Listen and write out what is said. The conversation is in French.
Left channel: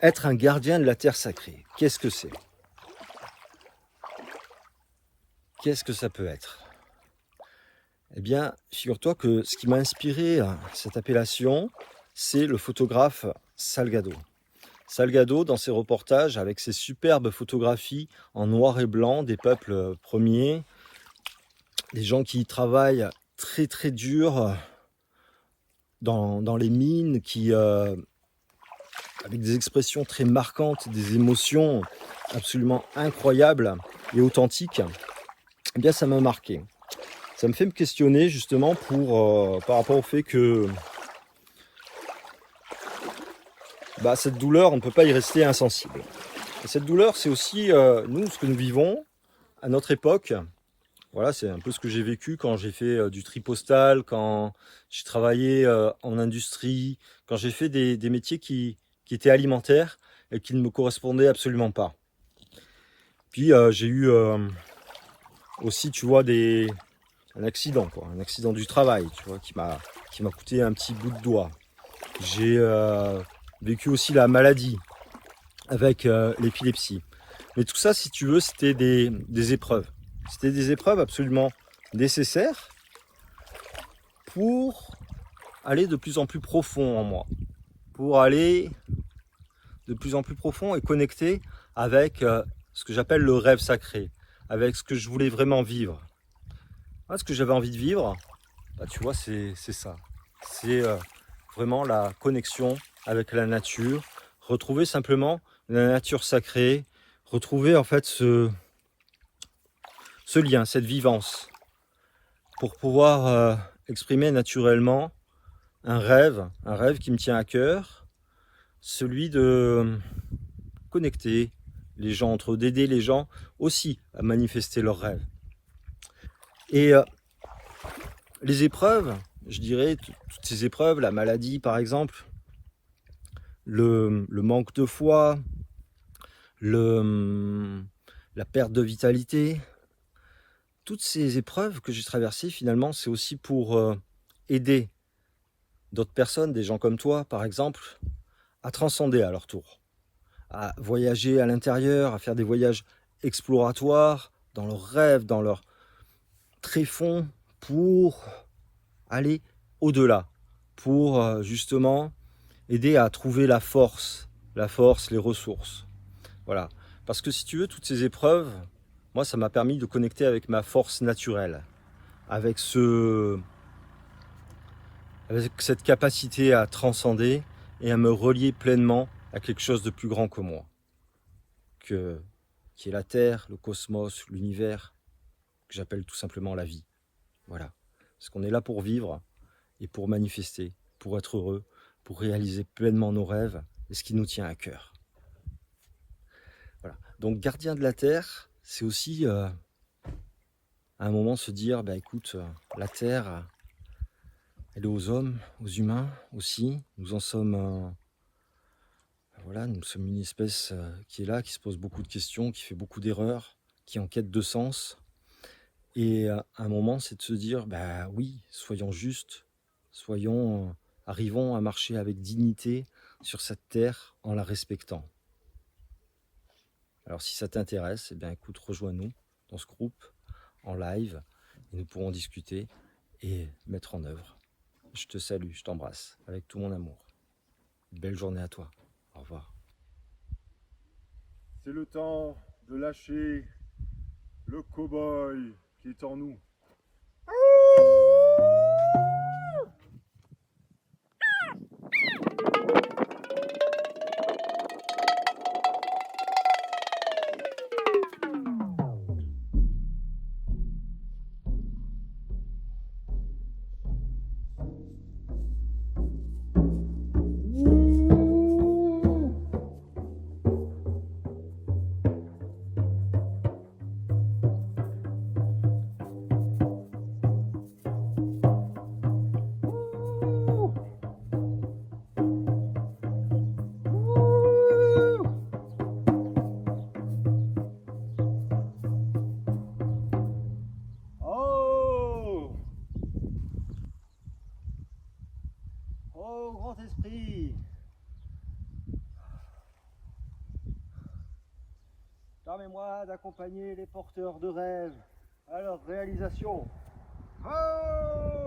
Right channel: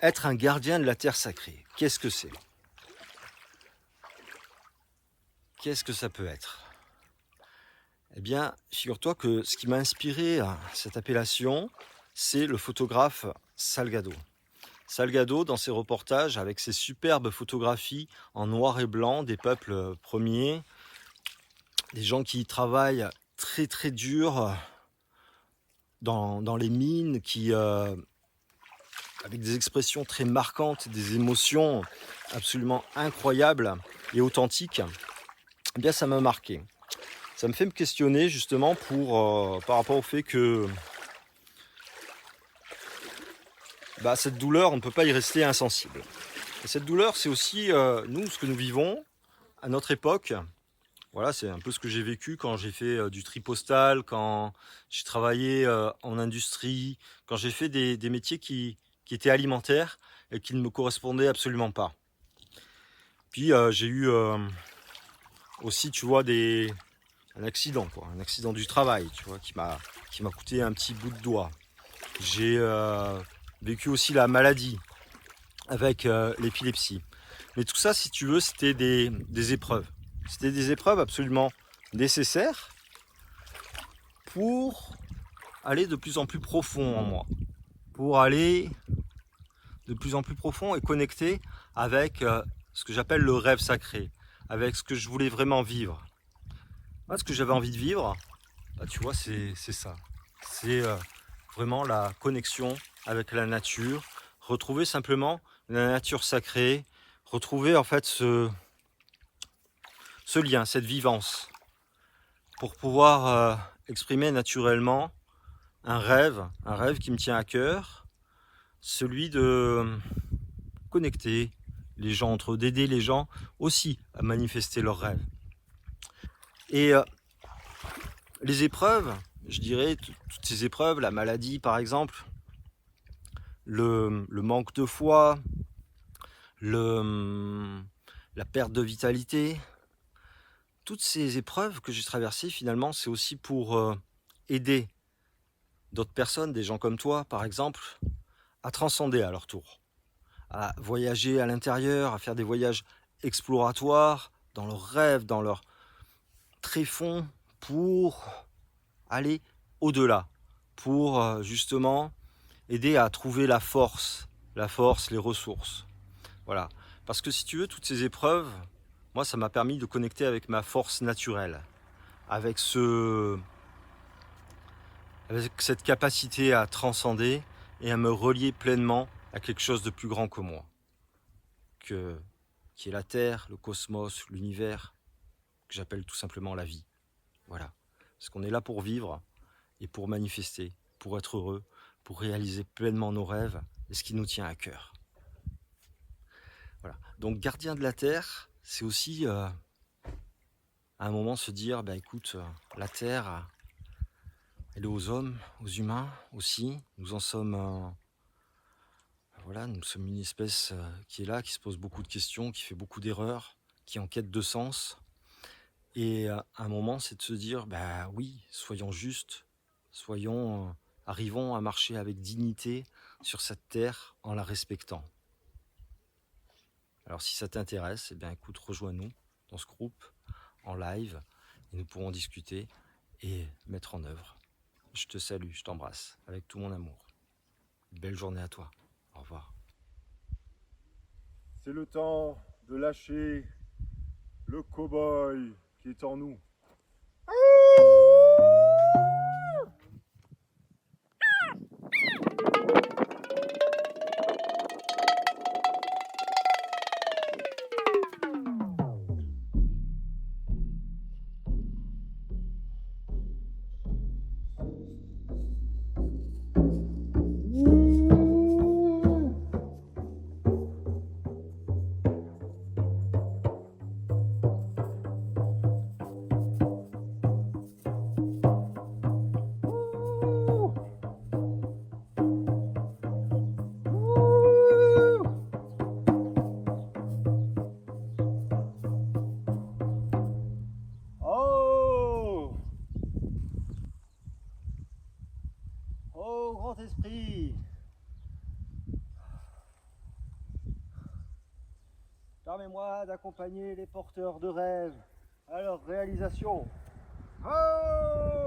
Être un gardien de la terre sacrée, qu'est-ce que c'est? Qu'est-ce que ça peut être? Eh bien, figure-toi que ce qui m'a inspiré cette appellation, c'est le photographe Salgado. Salgado, dans ses reportages, avec ses superbes photographies en noir et blanc des peuples premiers, des gens qui travaillent très très dur dans les mines, qui avec des expressions très marquantes, des émotions absolument incroyables et authentiques, eh bien ça m'a marqué. Ça me fait me questionner justement par rapport au fait que cette douleur, on ne peut pas y rester insensible. Et cette douleur, c'est aussi nous, ce que nous vivons à notre époque. Voilà, c'est un peu ce que j'ai vécu quand j'ai fait du tri postal, quand j'ai travaillé en industrie, quand j'ai fait des métiers qui étaient alimentaires et qui ne me correspondaient absolument pas. Puis j'ai eu aussi, tu vois, un accident, quoi, un accident du travail, tu vois, qui m'a coûté un petit bout de doigt. J'ai vécu aussi la maladie avec l'épilepsie. Mais tout ça, si tu veux, c'était des épreuves. C'était des épreuves absolument nécessaires pour aller de plus en plus profond en moi. Pour aller de plus en plus profond et connecter avec ce que j'appelle le rêve sacré, avec ce que je voulais vraiment vivre. Moi, ce que j'avais envie de vivre, tu vois, c'est ça. C'est vraiment la connexion avec la nature, retrouver simplement la nature sacrée, retrouver en fait ce lien, cette vivance, pour pouvoir exprimer naturellement un rêve qui me tient à cœur, celui de connecter les gens entre eux, d'aider les gens aussi à manifester leurs rêves. Et les épreuves, je dirais, toutes ces épreuves, la maladie par exemple, le manque de foi, la perte de vitalité, toutes ces épreuves que j'ai traversées, finalement, c'est aussi pour aider d'autres personnes, des gens comme toi, par exemple, à transcender à leur tour, à voyager à l'intérieur, à faire des voyages exploratoires, dans leurs rêves, dans leur tréfonds, pour aller au-delà, pour justement aider à trouver la force, les ressources. Voilà. Parce que si tu veux, toutes ces épreuves, moi, ça m'a permis de connecter avec ma force naturelle, avec cette capacité à transcender et à me relier pleinement à quelque chose de plus grand que moi, qui est la Terre, le cosmos, l'univers, que j'appelle tout simplement la vie. Voilà. Parce qu'on est là pour vivre et pour manifester, pour être heureux, pour réaliser pleinement nos rêves et ce qui nous tient à cœur. Voilà. Donc, gardien de la Terre, c'est aussi à un moment se dire, écoute, la Terre, elle est aux hommes, aux humains aussi. Nous en sommes, voilà, nous sommes une espèce qui est là, qui se pose beaucoup de questions, qui fait beaucoup d'erreurs, qui est en quête de sens. Et à un moment, c'est de se dire, oui, soyons justes, arrivons à marcher avec dignité sur cette terre en la respectant. Alors si ça t'intéresse, écoute, rejoins-nous dans ce groupe en live et nous pourrons discuter et mettre en œuvre. Je te salue, je t'embrasse avec tout mon amour. Belle journée à toi. Au revoir. C'est le temps de lâcher le cow-boy qui est en nous. Oh, grand esprit, Permets-moi d'accompagner les porteurs de rêves à leur réalisation. Ah!